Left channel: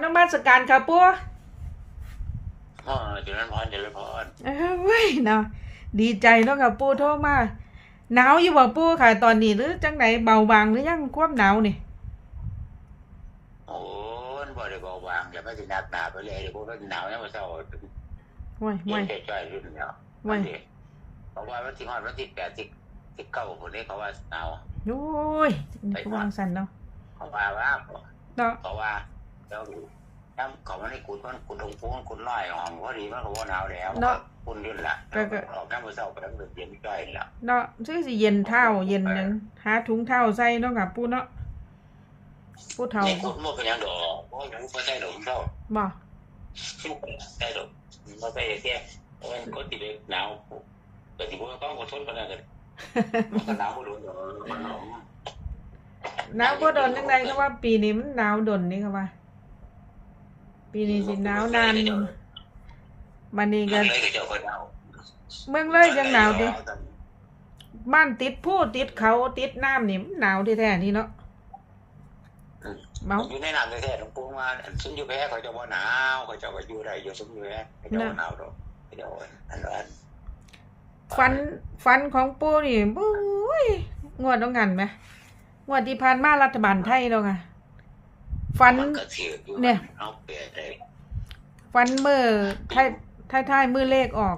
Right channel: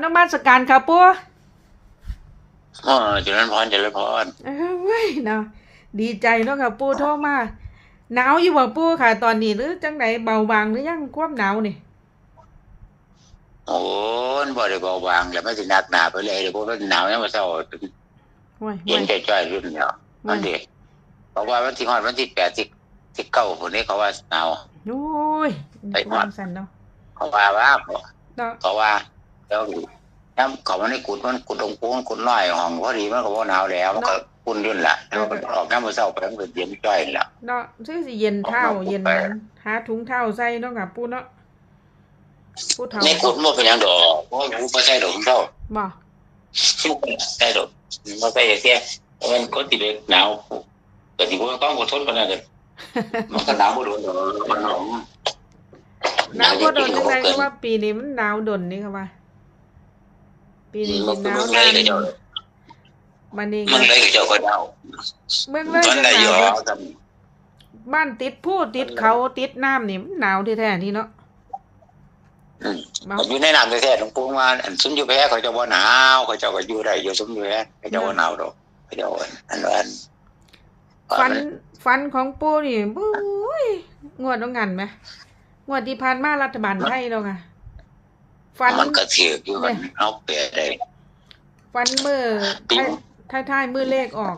นมัสการค่ะปู่อ๋อเจริญพรเจริญพรเอ้ยเว้ยเนาะดีใจเนาะค่ะปู่โทรมาหนาวอยู่บ่ปู่ค่ะ ตอนนี้หรือจังไหนเบาบางหรือยังความหนาวนี่โอ้ยบ่ได้เบาบางแล้วไม่สิหนักหนาไปเลยเดี๋ยวพวกมันหนาวยังมาเศร้าโอ้ยเย็โอ้นยจ่อยๆรุ่นเนาะนั่นดิเพราะว่าวันที่ฮอดวันที่แปดที่ที่เก้าคนนี้เขาว่าหนาวโอ้ยไปก่อนวางสันเนาะเขาว่าว่าเนาะเขาว่า แล้วน้ำเขามันได้กุดมันกุดตรงโค้งกุดน้อยห้องพอดีมันก็บ่หนาวแล้วมันก็อุ่นยุ่นละแล้วมันออกน้ำมาเศร้าไปมันก็เย็นจ่อยแล้วเนาะซื้อสิเย็นเท้าเย็นหยังหาถุงเท้าใส่เนาะค่ะปู่เนาะปู่เฒ่าในกุดมันเป็นหยังดอกเพราะว่าผู้ใส่ดอกเท่าบ่ใส่ดอกมาใส่เสียมันก็ติดหนาวแต่ที่ว่าต้องอดทนปานนั้นเด้อมันก็หนาวบ่โดนดอกมันหนาวหนาวบ่โดนจังไดก็ว่าปีนี้มันหนาวดนนี่ค่ะว่า ปีนี้สิหนาวนานมันนี่มัก็นเลยเจ้าก็หนาวเมืองเลยยังหนาวดิแต่บ้านติดผู้ติดเขาติดน้ำนี่มันหนาวที่แท้ที่เนาะอืมเมาอยู่ในน้ำแท้ๆหลวงปู่ว่าอันซุมอยู่แพ้เขาเจะบ่หนาวเขาเจ้าก็อยู่ได้อยู่ซุมอยู่แพ้เขาเจ้าบ่หนาวดอกเขาเจ้าอันอันอันฟันฟันของปูนี่บุ้ยงวดต้องงันไหมงวดที่ผ่านมารัฐบาลไทยเนาะค่ะ ฟันมันก็ถือกอยู่เนี่ยเอาเปรียบได้ฟันมือปีท้ายท้ายท้ายมือเลขออก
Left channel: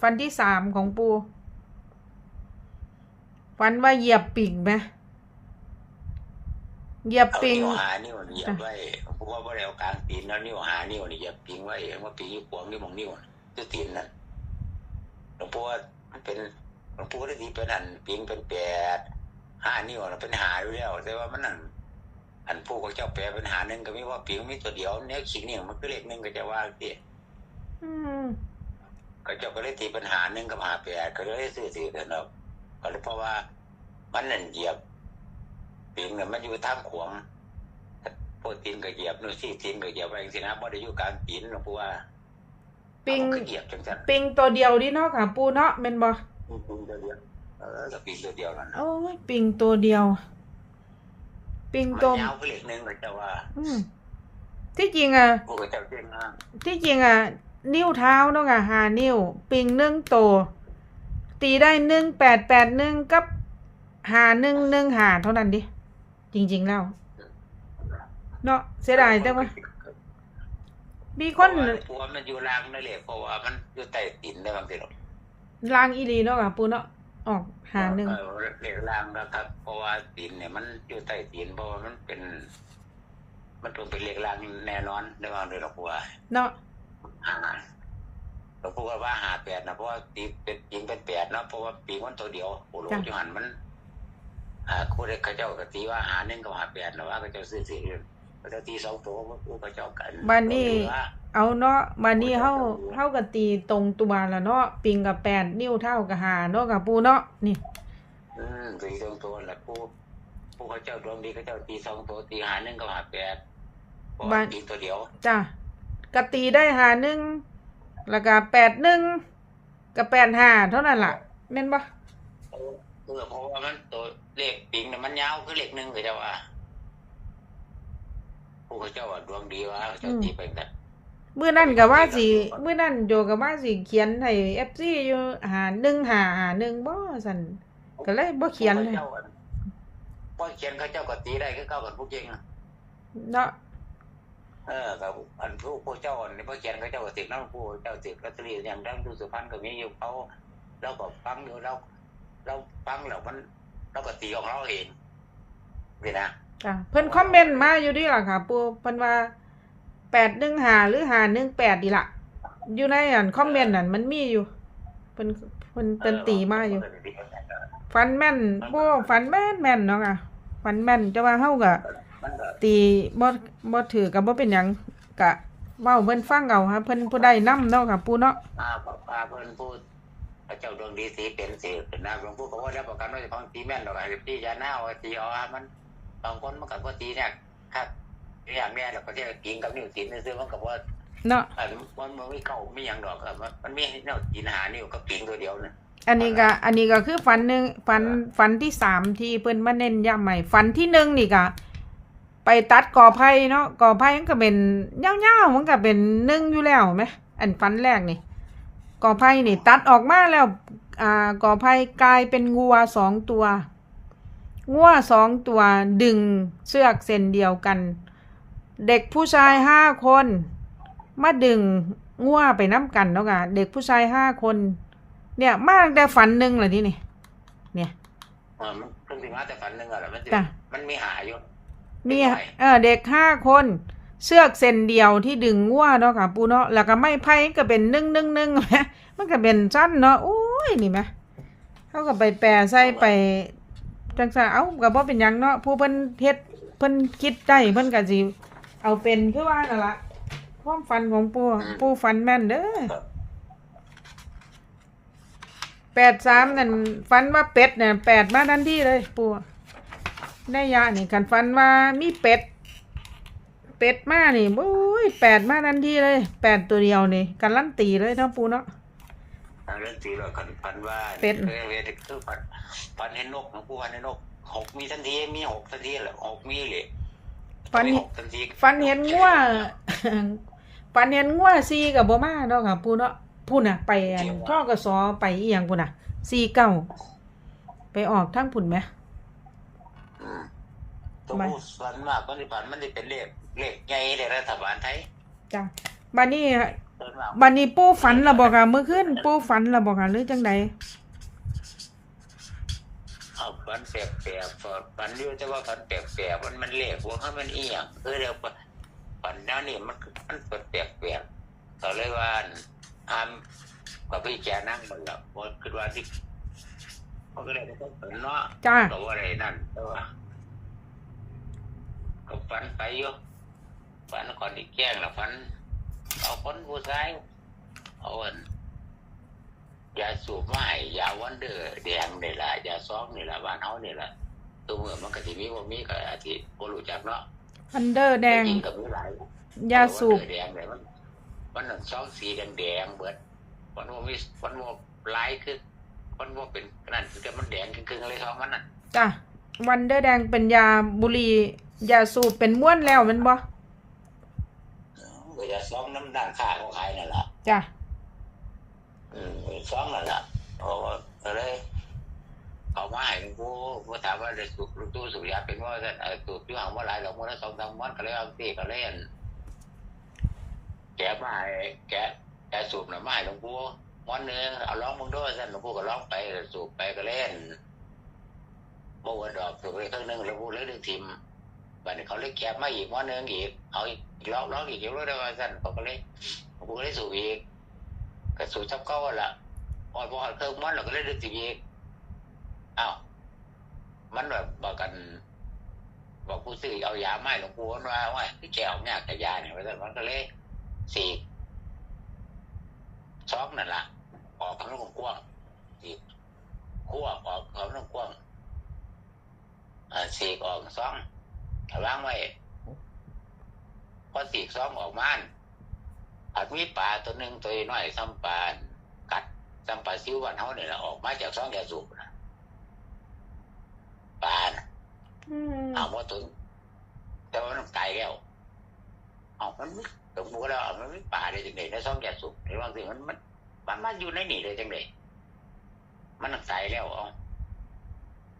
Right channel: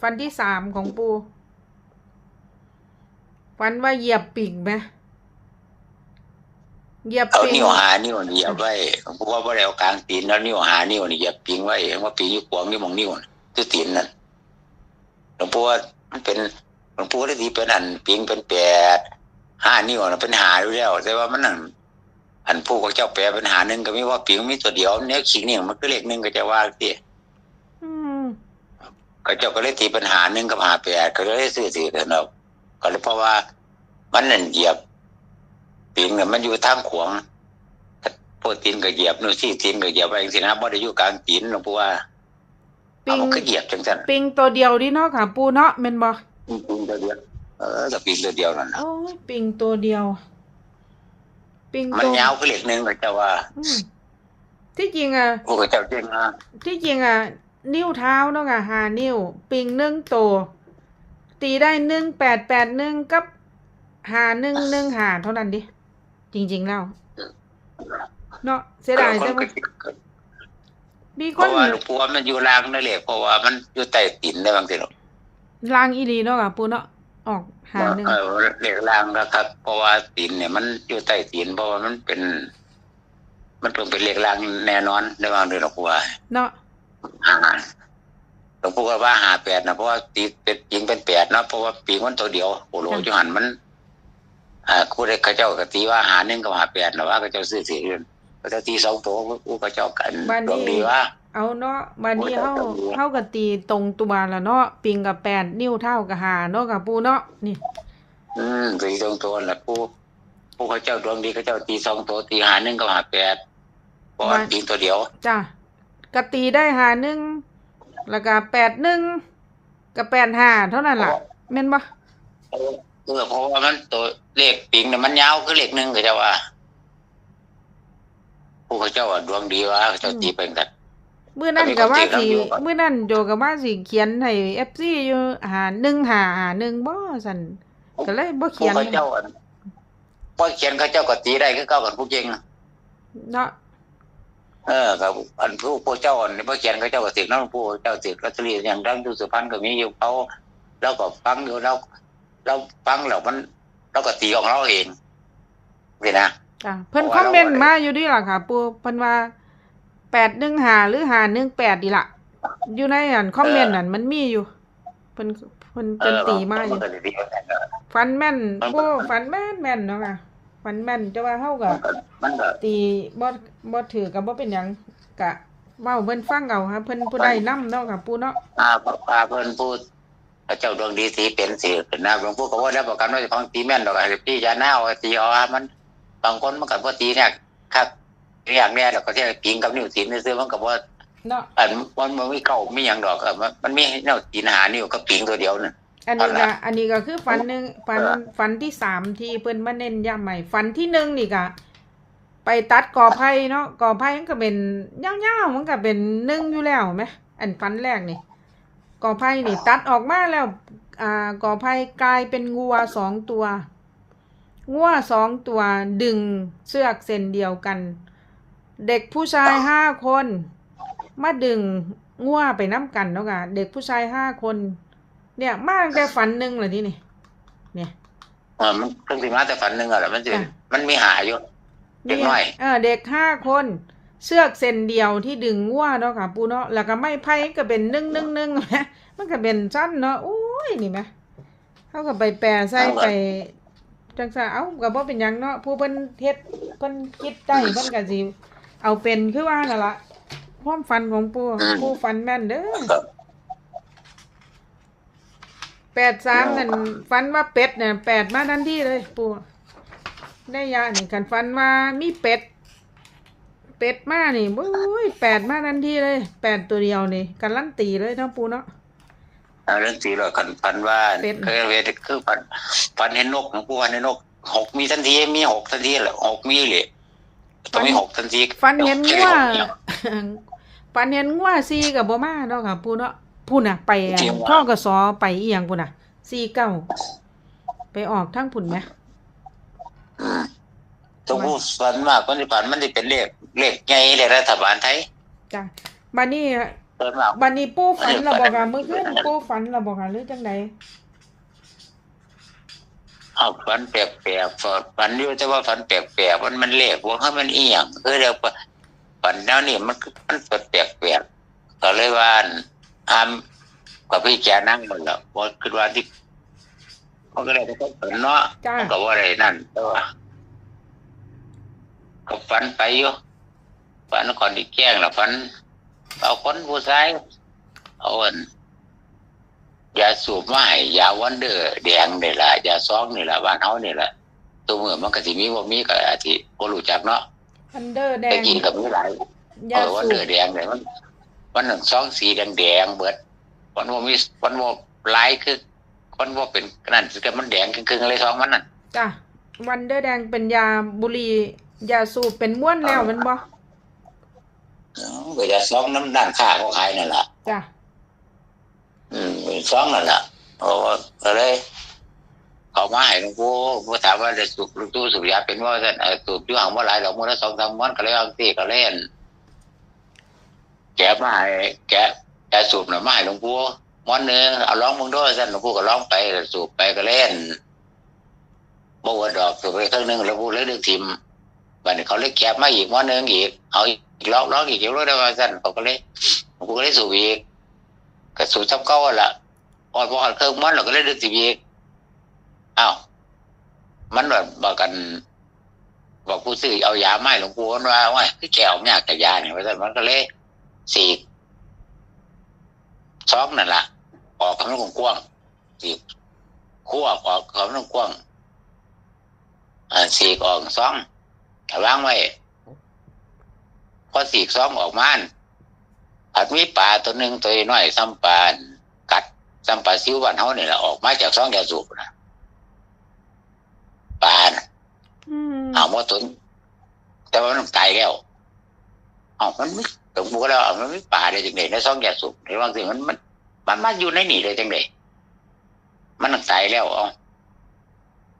ฟันที่สามของปู ฟันว่าเหยียบปิ่งไหมเหยียบเอาปิ่งนิ้วหานิ้วนี่เหยียบไว้เพราะว่าบ่ได้เอากลางตีนแล้วนิ้วหานิ้วนี่เหยียบปิงไว้ว่าปิงอยู่ขวางนิ้วมองนิ้วน่ะคือตีนนั่นหลวงปู่ว่ามันเป็นหลวงปู่ได้ทีเป็นอันปิงเป็นแปดห้านิ้วน่ะเป็นหาอยู่แล้วแต่ว่ามันนั่น อันผู้ของเจ้าแปลเป็นหาหนึ่งก็มีว่าปิงมีตัวเดียวเนี่ยขิงนี่มันก็เลขหนึ่งก็จะว่าสิอืมก็เจ้าก็เลยตีปัญหาหนึ่งกับหาแปดก็เลยซื้อถือเถอะเนาะก็เลยเพราะว่ามันนั่นเหยียบปิงเนี่ยมันอยู่ทางขวางโปรตีนก็เหยียบนู่นซี่ตีนก็เหยียบไปสินะบ่ได้อยู่กลางตีนหลวงปู่ว่าปิเอางมันก็เหยียบจังซั่นปิงตัวเดียวดิเนาะค่ะปูเนาะเมนบอปิงตัวเดียวเออกับปิงตัวเดียวนั่นน่ะโอ้ยปิงตัวเดียว ปิงมันตัวยาวคือเหล็กหนึงก็เจ้าว่าอืมที่จริงอะผู้ก็เจ้าเจ้งอะที่จริงอะ นิ้วเท้าเนาะค่ะหานิ้ว ปิงหนึ่งตัวตีได้หนึ่งแปดแปดหนึ่งกับหาหนึ่งหนึ่งหาเท่านั้นดิ จริง ๆ แล้ว เนาะเสียดายแต่ว่ามีเพคนราะว่าหลวงปู่ว่ามันอยู่ล่างนั่นแหละเพราะว่ามันอยู่ใต้ตีนได้บางทีหรอกลางอีหลีเนาะค่ะปูเนาะออก หาหนึ่งเออเหล็กล่างนะครับ เพราะว่าตีนเนี่ยมันอยู่ใต้ตีนเพราะว่ามันเป็น มันเป็นเป็นเหล็กล่างแน่นอนได้บางเดือนหรอกว่าเนาะหาหลวงปู่ก็ว่าหาแปดนะเพราะว่าตีเป็นปิงเป็นแปดเนาะเพราะว่าปิงมันตัวเดียวโอ้โหจุหันมัน อ่าคู่ได้เขาเจ้าก็ตีว่าหาหนึ่งกับหาแปดนะว่าเขาเจ้าซื้อสี่เดือนเขาเจ้าตีสองตัวคู่เขาเจ้ากันบ้านนี้ดวงดีว่า เอาเนาะบัดนี้เฮาเฮาก็ตีตรงตัวแล้วเนาะปิงกับแปดนิ้วเท่ากับหาเนาะกับปูเนาะนี่ อืมตีสองตัวแหละผู้ผู้เขาเจ้าดวงดีเขาเจ้าตีสองตัวตีหาหนึ่งกับหาแปดเพราะว่าปิงตัวเดียวจ้ะกะตีได้หาหนึ่งแล้วก็แปดหนึ่งกับแปดหาเท่านั้นล่ะแม่นบ่เออเพราะว่ามันตัวเลขปิงเนี่ยมันยาวคือเลขหนึ่งเขาเจ้าว่า ผู้เขาเจ้าว่าดวงดีว่าเขาเจ้าตีเป็นกัน มื้อนั้นก็ว่าสิเอาไปมื้อนั้นโจก็ว่าสิเขียนให้ FC อยู่หาหนึ่งหาหาหนึ่งบ่ซั่นก็เลยบ่เขียนผู้เขาเจ้าอันพอเขียนเขาเจ้าก็ตีได้คือเก้ากันผู้เก่งเนาะเออครับอันผู้ผู้เจ้าอันนี้พอเขียนเขาเจ้าก็ติดน้องผู้เจ้าติดลอตเตอรี่อย่างดังดูสุพรรณก็มีอยู่เขาเราก็ฟังอยู่เราเราฟังแล้วมันเราก็ตีของเราเองนี่นะจ้ะเพิ่นคอมเมนต์มาอยู่ดีล่ะค่ะ ปูเพิ่นว่า 815หนึ่งหาหรือ518ดีล่ะอยู่ในอันคอมเมนต์นั่นมันมีอยู่เพิ่นเพิ่นเพิ่นตีมาอยู่ฟันแม่นโอ้ฟันแม่นแม่นเนาะค่ะฟันแม่นแต่ว่าเฮาก็มันก็ตีบ่บ่ถือก็บ่เป็นหยังกะเว้าเพิ่นฟังเอาค่ะเพิ่นผู้ใดนำเนาะค่ะปูเนาะอาพาเพิ่นพูดเจ้าดวงดีสีเป็นสีเป็นนะหลวงปู่ก็ว่าได้ประกันว่าจะของตีแม่นดอกไอ้พี่ยาหน้าว่าตีอาอมันบางคนมันก็บ่ตีเนี่ยครับ อย่างเนี้ยแล้วก็ที่ปิงกับนิ้วตีนซื้อๆมันก็บ่เนาะอันมันมันไม่เก่าไม่หยังดอกอะมันมันมีแนวตีนหานิ้วก็ปิงตัวเดียวน่ะอันนี้ก็อันนี้ก็คือฟันหนึงฟันฟันที่สามที่เพิ่นมาเน้นย้ำใหม่ฟันที่หนึ่งนี่ก็ไปไปตัดกอไผ่เนาะกอไผ่มันก็เป็นยาวๆมันก็เป็นหนึ่งอยู่แล้วไหมอันฟันแรกนี่กอไผ่นี่ ตัดออกมาแล้ว อ่ากอไผ่กลายเป็นงัวสองตัวงัวสองตัวดึงเชือกเส้นเดียวกัน เด็กผู้ชายห้าคน มาดึงงัวไปน้ำกันแล้วกันเด็กผู้ชายห้าคน เนี่ยมาตั้งแต่ฝันหนึ่งเลยที่นี่ เนี่ยเออมันเพิ่งสิมาแต่ฝันหนึงอะแหละมันสิจ้ะมันมีหาอยู่เด็กเนี่ยน้อยเออเด็กห้าคนเสือกเส้นเดียวที่ดึงงัวเนาะค่ะปูเนาะแล้วก็ไม่ไพ่ก็เป็นนึ่งนึ่งนึ่งไหมมันก็เป็นสั้นเนาะโอ้ยนี่ไหมเขาก็ไปแปรใส่ไปจังซะเอ้าก็บ่เป็นหยังเนาะผู้เพิ่นเฮ็ดเพิ่นคิดได้เพิ่นก็สิ เอาเป็นคือว่านั่นล่ะความฝันของปู่ปู่ฝันแม่นเด้อก็แปดสามนั่นฝันว่าเป็ดเนี่ยแปดมาทันทีเลยปู่ได้ยานี่คันฝันว่ามีเป็ด เป็ดมานี่โอ้ยแปดมาทันทีเลยแปดตัวเดียวนี่กันลั่นตีเลยเนาะปูเนาะเอาเรื่องสีเราคันฝันว่าเป็ดเคยเวทคือฝันฝันเห็นนกหลวงปู่วันเห็นนกหกมีทันทีมีหกทันทีแหละหกมีเลย ต้องมีหกทันทีฟันเห็นงัวเดียวฟันเห็นงัวซีกับบ่มาเนาะค่ะปูเนาะพูน่ะ ไปจริงวะท่อกสอไปอีหยังพูน่ะซีเก้าไปออกทั้งผุนไหม อืมต้องพูดฝันมากคนที่ฝันมันจะเป็นเลขเลขไงเลขรัฐบาลไทยจ้ะบัดนี้เติมมากบัดนี้ปูฝันระบอกค่ะเมื่อคืนปูฝันระบอกค่ะหรือจังใด เอาฝันแปลกๆฝันอยู่แต่ว่าฝันแปลกๆมันมันเลขว่าให้มันเอียงคือเรียกว่าฝันแนวนี้มันคือมันแปลกๆก็เลยว่าอามกับพี่แกนั่งหมดแล้วว่าคือว่าที่มันก็เลยได้ฝันเนาะจ้าก็ว่าอะไรนั่นแต่ว่าก็ฝันไปอยู่ฝันก่อนที่แกล้งละฝันเอาคนผู้ชายเอาอัน ยาสูบมาให้ยาวันเดอร์แดงนี่ล่ะยาซองนี่ล่ะบ้านเฮานี่ล่ะตัวเมื่อมันก็สิมีบ่มีก็อาจสิบ่รู้จักเนาะอันเดอร์แดแต่งจริงก็มีหลายยาเออวันสูเดบอร์แดงเนี่ยมันมันหนึ่งซองสีแดงๆเบิดมันบ่มีมันบ่หลายคือมันบ่เป็นนั่นคือมันแดงครึ่งๆเลยซองมันน่ะจ้ะวันเดอร์แดงเป็นยาบุหรี่ยาสูบเป็นม้วนแล้วแมันบ่เออก็ยาซองน้ำด้านข้าเขาขายนั่นล่ะจ้ะ อืมเป็นซองนั่นแหละเพราะว่าก็เลยเขามาให้หลวงปู่ผู้ถามว่าจะสูบหลวงปู่สูบยาเป็นว่าท่านเออสูบอยู่ห่างเมื่อไรหรอกมื่อละสองสามวันก็เลยเอาที่ก็เล่นแกะมาให้แกะแกะสูบหน่อยมาให้หลวงปู่วันหนึ่งเอาร้องมึงด้วยท่านหลวงปู่ก็ร้องไปสูบไปก็เล่นบ่วดอกสูบไปครึ่งหนึงหลวงปู่เลยดึงทิมบัดนี้เขาเลยแกะมาอีกวันหนึ่งอีกเอาอีกร้องร้องอีกเดี๋ยวรู้ได้ว่าท่านเขาก็เลยหลวงปู่ก็เลยสูบอีก ก็สูตรจำเก้าหั่นละพอพอเครื่องมันเราก็เลยดึกสิบอีกอ้าวมันแบบบอกกัน บอกผู้ซื้อเอายาไม้หลวงปู่ว่าว่าคือแกเอาเนี่ยแต่ยาเนี่ยว่าแต่มันก็เลยสีกซอกนั่นละออกคำนั้นกว้างสีกคั่วออกคำนั้นกว้างสีกออกซองวางไว้พอสีกซองออกมาน ผัดมีปลาตัวหนึ่งตัวน้อยซ้ำปลากัดซ้ำปลาซิวบ้านเฮานี่แหละออกมาจากซองยาสูบนะปลาน่ะอืมเอาว่าตัวแต่ว่ามันตายแล้วเอามันไม่ตรงบัวแล้วเอามันไม่ปลาได้จังไดในซองยาสูบในบางสิ่งมันมันมันมาอยู่ในนี่ได้จังไดมันตายแล้วเอา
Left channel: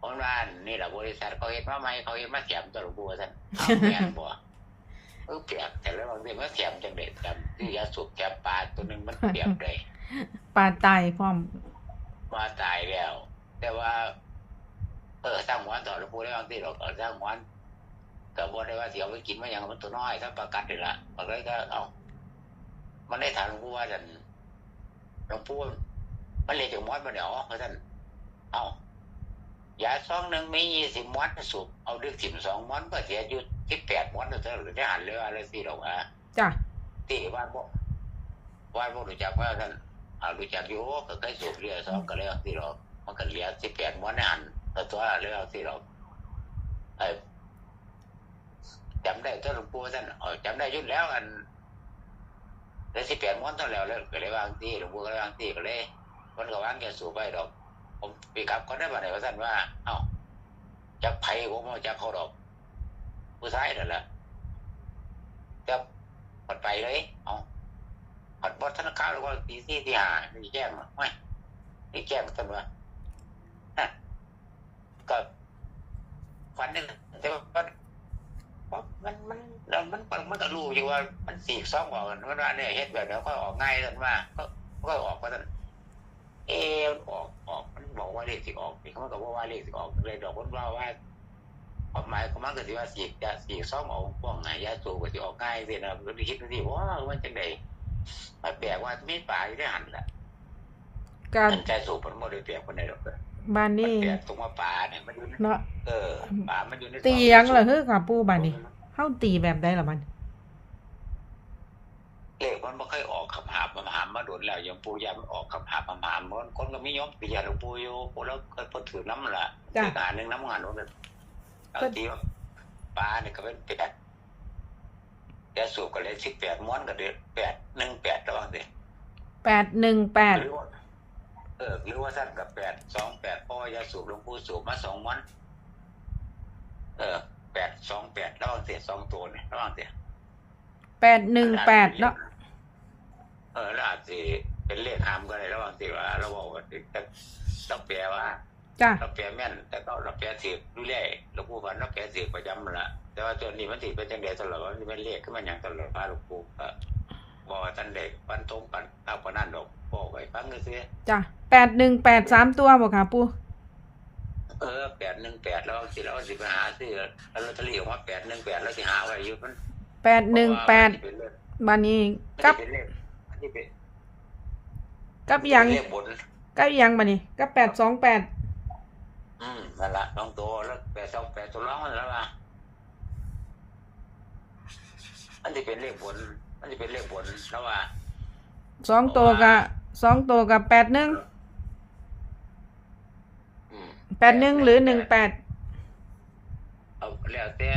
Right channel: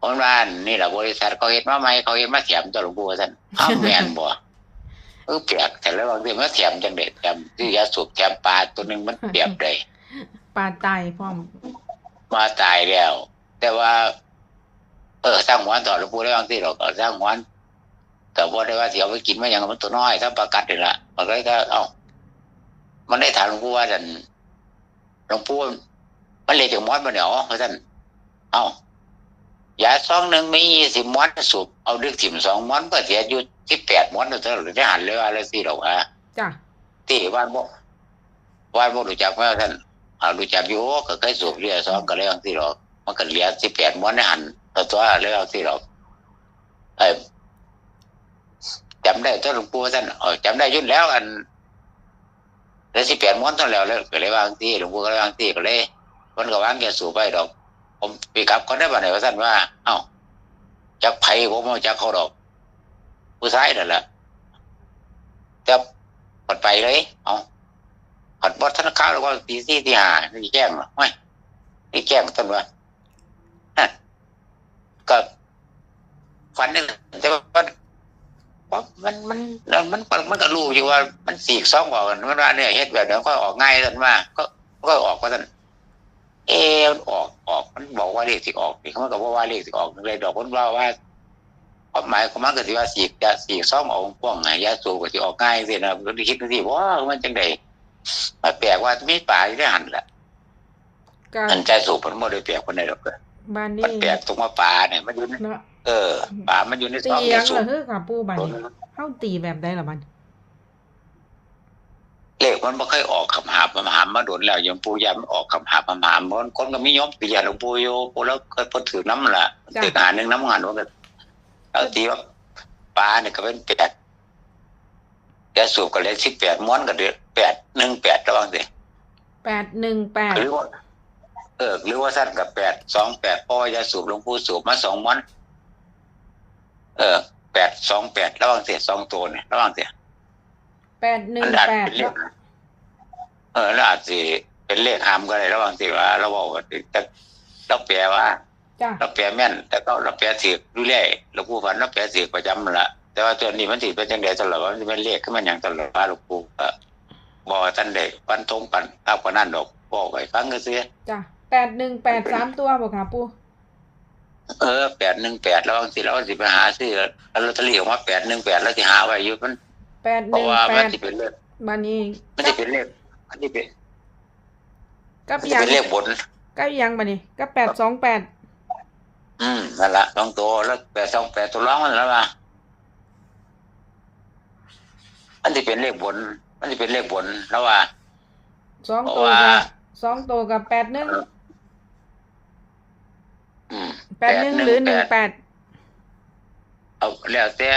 คนว่านี่แหละบริษัทเขาเห็นมาไหมเขาเห็นมาแถมตัวหลวงปู่ว่าซั่นเอาแม่นบ่เออเปียกแต่แล้วบางทีมันแถมจังเด็ดแถมที่ยาสูบแถมปลาตัวหนึ่งมันเปียกเลยปลาตายพร้อมมาตายแล้ว แต่ว่า เออสร้างหวานต่อหลวงปู่ได้บางทีเราก็สร้างหวานแต่ว่าได้ว่าเสียวไปกินมาอย่างมันตัวน้อยถ้าประกัดนี่ละมันก็เลยก็เอ้ามันได้ถามหลวงปู่ว่าท่านหลวงปู่มันเลยถึงมอดมาเนี่ยอ๋อท่านเอ้า ยาซองหนึ่งมียี่สิบมอดสูบเอาดึกถิ่มสองมอดก็เสียอยู่ที่แปดมอดเท่าไหร่จะหันเลยว่าอะไรสิหรอกฮะจ้ะที่บ้านบ่บ้านบ่รู้จักว่าท่านอ่ารู้จักอยู่ก็เคยสูบเรือสองก็เลยเอาที่หรอกมันก็เหลือสิบแปดม้วนในหันตัวตัวเลยเอาที่หรอกไอ้จำได้ตัวหลวงปู่ท่านเออจำได้ยุ่นแล้วอันแล้วสิบแปดม้วนเท่าแล้วแล้วก็เลยวางที่หลวงปู่ก็เลยวางที่ก็เลยมันก็วางแกสูบไปดอก ผมปีกับคนได้บ้านไหนว่าท่านว่า เอ้าจักไผผมเอาจักเขาดอก ผู้ชายนั่นแหละจะปดไปเลย เอาผัดบอดธนาคารแล้วก็ตีสี่ตีห้านี่แจ้งเหรอไม่นี่แจ้งต้นว่าก็ฝันนึงแต่ว่ามันมันมันมันมันมันก็รู้อยู่ว่า มันสีกซ่องออกกันมันว่าเนี่ยเฮ็ดแบบเดี๋ยวก็ออกง่ายกันมาก็ก็ออกว่าท่าน เออมันออกออกมันบอกว่าเลขที่ออกนี่เขาก็บอกว่าเลขที่ออกเลยดอกคนว่าว่าความหมายของมันก็สิว่าสีกยาสีกซ่องเอาพวกไงยาสูบก็สิออกง่ายสินะก็คิดดูสิว่ามันจังไดมาแปลกว่ามีป่าอยู่ในหันแหละก็อันใจสูบมันบ่ได้แปลกคนใดหรอกเด้อบ้านมันนี้แปลกตรงว่าป่าเนี่ยมันอยู่ในเนาะเออป่ามันอยู่ในตีซอกหยังในล่ะสูเฮ้อค่ะปู่บ้านนี้บเฮาตีแบบใดล่ะมัน เลขมันบ่เคยออกคำหาบคำหามมาโดนแล้วยังปูยามนออกคำหาบคำหามมันคนก็มียอมปียนหลวงปู่อยู่ปู่แล้วเคยพิ่นถือน้ำละจ้ะถือหาหนึงน้ำหันว่าก็เอาตีว่าป่าเนี่ยก็เป็นแปดยาสูบก็เลย18ม้วนก็เดือ8 18ระวังสิ818หรือว่าเออหรือว่าสั้นกับแปดสองแปดพ่อยาสูบหลวงปู่สูบมาสองมันเออแปดสองแปดระว่างเสียสองตัวเนี่ยระว่างเสีย 818เนาะเออแล้วอาจจะเป็นเลขหามก็ได้ระหว่างที่ว่า เราบอกว่าแต่เราแปลว่าจ้ะเราแปลแม่น แต่ก็เราแปลถือดูแลหลวงปู่ฝันเราแปลถือประจำนั่นละแต่ว่าตัวนี้มันถือเป็นจังเดียวตลอดว่ามันเป็นเลขขึ้นมาอย่างตลอดว่าหลวงปู่ก็บอกว่าท่านเด็กปันทงปันเอากว่านั้นดอกบอกไว้ฟังก็เสียจ้ะ818 3ตัวบ่ค่ะปู่เออแปดหนึ่งแปดแล้วบางทีเราก็สิไปหาซื้อลอตเตอรี่ออกมาแปดหนึ่งแปดแล้วสิหาไว้อยู่มัน เพราะว่ามันสิ818เป็นเลขบ้านนี้มันกัสิบเป็นเลขมันสิเป็นกับมันหสิยังเป็นเลขบน กับหยังบ้านนี้กับ828อืมนั่นละสองตัวแล้วแปดสองแปดตัวร้องมันแล้วล่ะมันสิเป็นเลขบน มันสิเป็นเลขบนแล้วว่า สองตัวเพราะกับว่าสองตัวกับแปดหนึ่งอืมแปดหนึ่งหรือหนึ่งแปดเอาแล้วแต่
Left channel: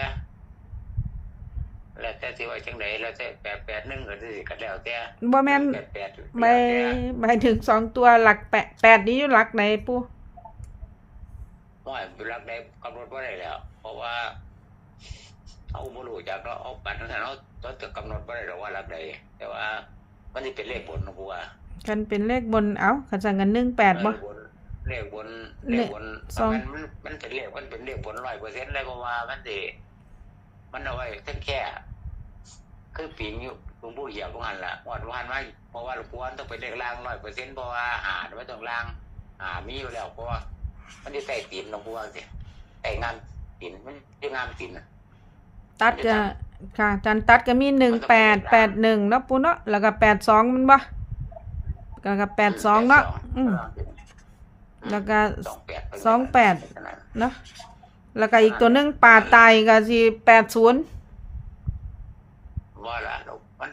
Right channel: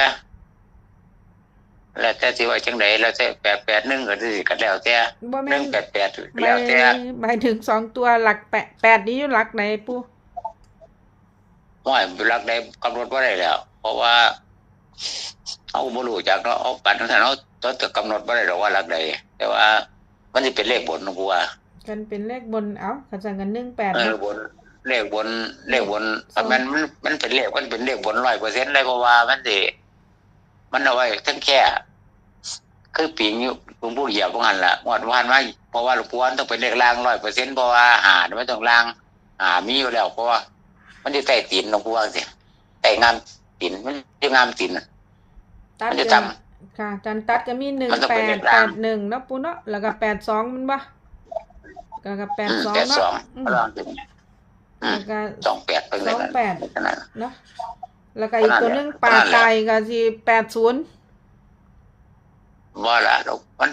แล้วแต่สิว่าจังไดแล้วแต่แปดแปดหนึ่งก็สิกันแล้วแต่บ่หแม่นึ่นงแปดแปดหมาแล้ยวแต่หมายถึงสองตัวหลักแปดแปดนี้อยู่หลักไหนปู่ว่ารักได้กำหนดว่าได้แล้ว เพราะว่าเอาบ่รู้จักเนาะเอาปันนั้นเนาะตัวจะกำหนดว่าได้หรอกว่ารักใดแต่ว่า มันจะเป็นเลขบนนะกูว่ากันเป็นเลขบนเอ้าขันสั่งกันหนึ่งแปดเอบ่อบนเลขบนเลขบนสองมันมันมันเป็นเลขมันเป็นเลขบนร้อยเปอร์เซ็นต์เลยเพราะว่ามันสิ มันเอาไว้ทั้งแค่คือปีงอยู่หลวงปู่เหยียบพวกหันละงวดวันมาเพราะว่าหลวงปู่วันต้องเป็นเลขล่างร้อยเปอร์เซ็นต์เพราะว่าหาไม่ต้องล่างหามีอยู่แล้วเพราะว่า มันจะใต้ตีนหลวงปู่ว่าสิใต้งามตีนมันจะงามตีนน่ะตัดมันจะก็จค่ะจันตัดก็มีหนึ่งมันต้องแปเป็นดเลขแปล่างดหนึ่งเนาะปู่เนาะแล้วก็แปดสองมันบ่แล้วก็แปดสองมเนาะแปดอืมสองอืแล้มวก็สองแปดไปเลยสองแปดขนาดนั้นเนาะ แล้วก็อีกตัวหนึงป่าไตก็สิแปดศูนย์ว่าละเรามัน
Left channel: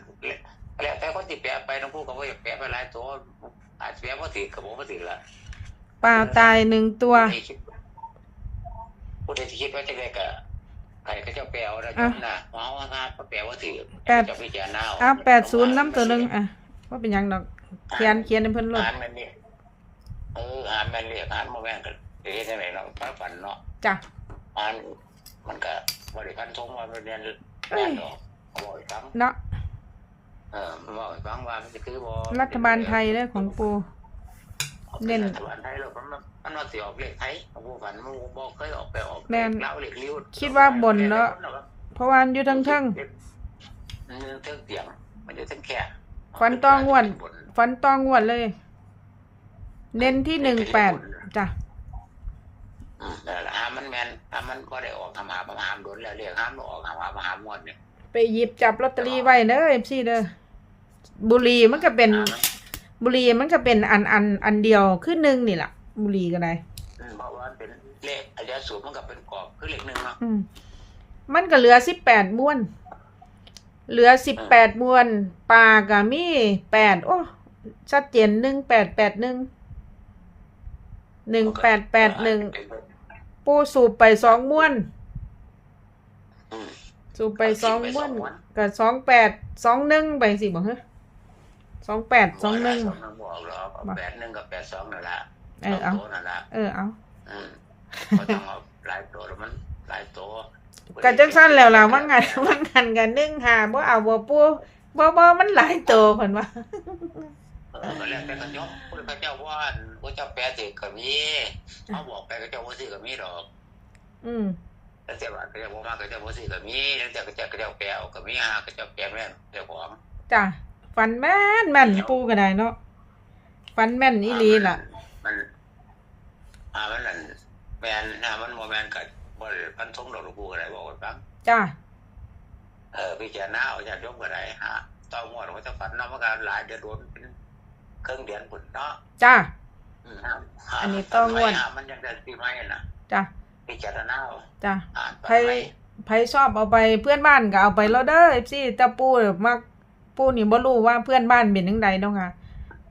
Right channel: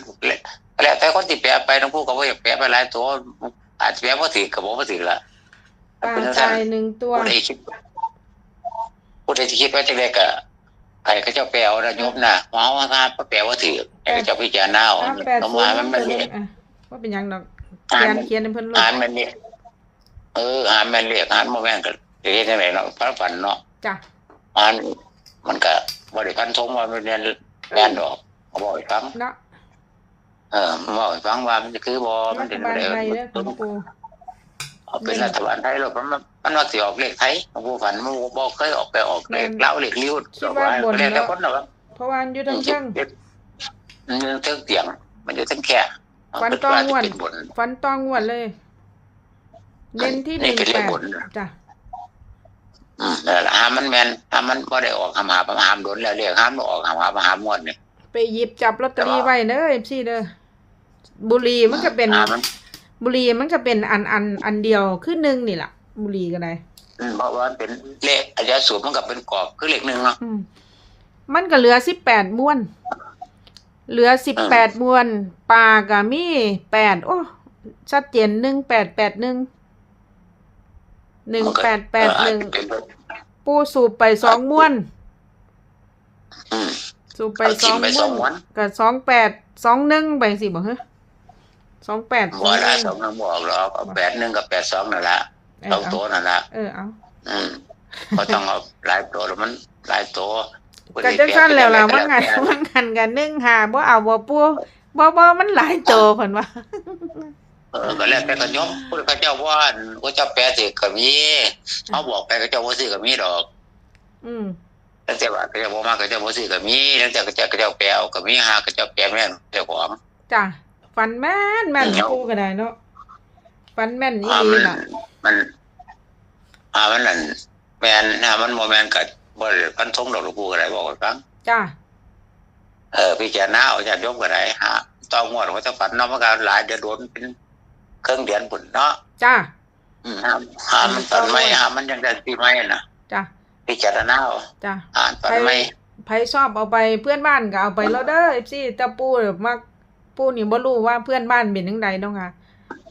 แล้วแต่คนที่แปลไปหลวงปู่ก็ว่าอยากแปลไปหลายตัวอาจจะแปลว่าถือกับบอกว่าถือละป่าไตหนึ่งตัวผู้ใดคิดผู้ใดที่คิดว่าจะเรียกอะใครก็จะแปลเอานะโยมนะหมอว่าถ้าแปลว่าถือไอ้ก็จะพิจารณาเอาอ้าวแปดศูนย์เอาน้ำตัวหนึงมาอะว่าเป็นหยังดอกเขียนเขียนให้เพิ่นลงอ่านมันเนี่ยเอออ่านมันเรียกอ่านโมแม่นก็เรียกยังไงเนาะพระฝันเนาะจ้ะ อ่านมันก็บริพันธ์ทงว่ามันเรียนแน่นดอกเขาบอกให้ฟังเนาะเออมันบอกให้ฟังว่ามันคือบอรัฐบาลไทยเด้อของปูเอาเป็นรัฐบาลไทยหรอกมันมันว่าสิออกเลขไทยของผู้ฝันมันบอกเคยออกไปออกเลขเล่าเลขลิ้วคิดว่าบนแล้วเนาะคนเนาะเพราะว่ามันอยู่ทั้งเทิงมันอยู่เทิงเตียง มันอยู่เทิงแค่ฟันต้องงวดเป็นบนฟันตองงวดเลย เน้นที่หนี่นึ่งเป็นเลแปขดบนจ้ะ อืมนั่นแหละหามันแมนหามันบ่ได้ออกหามหาหามโดนแล้วเรียกหามบ่ออกหามหาหามงวดนี่ไปหยิบจับลอตเตอรี่ไว้เด้อเอฟซีเด้อบุหรีมันก็เป็นหามันบุหรีมันก็เป็นอันอันอันเดียวคือหนึ่งนี่ล่ะบุหรีก็ได้อืมเพราะว่ามันเป็นเลขอายะสูตรมันก็เป็นกรอบคือเลขหนึ่งเนาะ อืมมันก็เหลือสิบแปดม้วน เหลือสิบแปดม้วนปลาก็มีแปดโอ้ชัดเจนหนึ่งแปดแปดหนึ่ง หนึ่งแปดแปดหนึ่งปูสูบไปสองม้วนอืมสูบไปเอาสจิ้อมงไปสม้อวงนม้วนกับสองแปดสองหนึ่งไปสิบ่ฮะสองแปดสบ่องหละนึ่งสองนึงบอกหรอกเอาแปดหนึ่งกับแปดสองนั่นละเอสอองเอาตัวนั่นละเออเอาอืมเขาต้องเอาหลายตัวแล้วมันหลายตัวกันจังซั่นแล้วล่ะว่างานว่างานกันนึ่งหาบ่เอาบ่ปูบ่บ่มันหลายโตเพิ่นว่า เออก็แล้วแต่ก็ยอมผู้เขาเจ้าว่าเขาเจ้าแปลสิก็มีเขาบอกไปเขาเจ้าบ่ซื้อก็มีดอก อืมแล้วแต่ว่าเขาเจ้าบ่มาเขาเจ้าบ่ซื้อก็มีแล้วแต่เขาเจ้าเขาเจ้าแปลเอาก็มีหาเขาเจ้าแปลแม่นเจ้าของจ้ะฟันแม่นแม่นปูก็ได้เนาะฟันแม่นอีหลีล่ะ มันอ่ามันนั่นแม่นหามันบ่แม่นก็บ่ได้พันธงดอกลูกผู้ก็ได้บอกให้ฟังจ้ะเออพิจารณาเอาญาติโยมก็ได้หาต้องงวดว่าจะฝันเนาะมันก็หลายเดือนโดนเป็น ครึ่งเดือนพุ่นเนาะจ้ะอืมหาหามันตอนไม่หามันยังได้ปีใหม่น่ะจ้ะพิจารณาเอาจ้ะอ่านตอนใครไม่ไผชอบเอาไปเพื่อนบ้านก็เอาไปแล้วเด้อ FC แต่ปูเนี่ยมักปูนี่บ่รู้ว่าเพื่อนบ้านเป็นจังไดเนาะค่ะ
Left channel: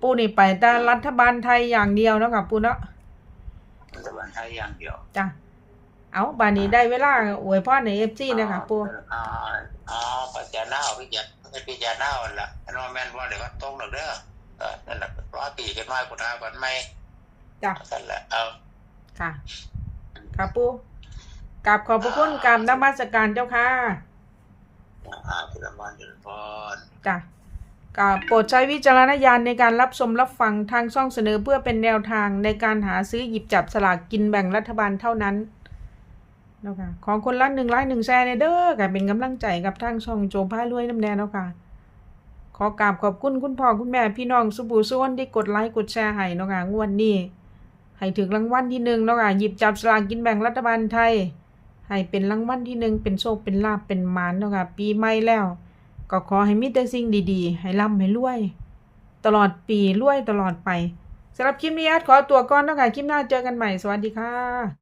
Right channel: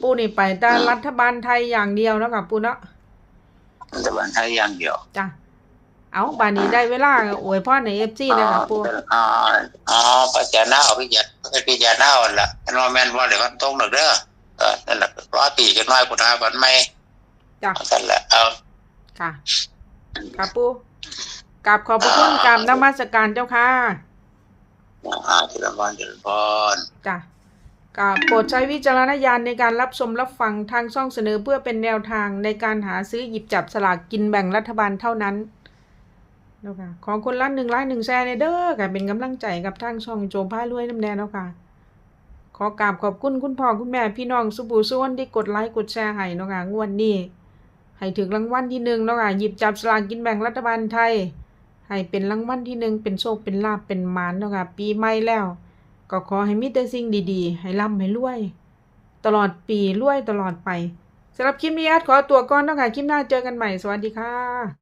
ปูนี่ไปแต่รัฐบาลไทยอย่างเดียวเนาะค่ะปูเนาะแต่วันไทยอย่างเดียวจ้ะเอาบานนี้ได้เวลาอวยพรใน FC เลยค่ะปูอ๋ออ๋อพิจารณาเอาพิจารณาพิจารณาเอาละอันว่าแม่นว่าเดี๋ยวมันตรงดอกเด้อ เออนั่นแหละร้อยปีกันน้อยพุทธาวันไม่จ้ะนั่นแหละเอาค่ะค่ะปูกราบขอบพระคุณกราบนมัสการเจ้าค่ะอ่าทีละวันทีละพรจ้ะกราบโปรดใช้วิจารณญาณในการรับชมรับฟังทางช่องเสนอเพื่อเป็นแนวทางในการหาซื้อหยิบจับสลากกินแบ่งรัฐบาลเท่านั้นเนาะค่ะของคนละหนึ่งไลค์หนึ่งแชร์ในเด้อค่ะเป็นกำลังใจกับทางช่องโจมผ้ารวยน้ำแดงเนาะค่ะ ขอกราบขอบคุณคุณพ่อคุณแม่พี่น้องสุบูสุวนที่กดไลค์กดแชร์ให้เนาะค่ะงวดนี้ให้ถึงรางวัลที่หนึ่งเนาะค่ะหยิบจับสลากกินแบ่งรัฐบาลไทย ให้เป็นรางวัลที่หนึ่งเป็นโชคเป็นลาบเป็นมานเนาะค่ะปีใหม่แล้ว ก็ขอให้มีแต่สิ่งดีๆ ให้ร่ำให้รวย ตลอดปีรวยตลอดไปสำหรับคลิปนี้อาร์ตขอตัวก่อนเนาะคะคลิปหน้าเจอกันใหม่สวัสดีค่ะ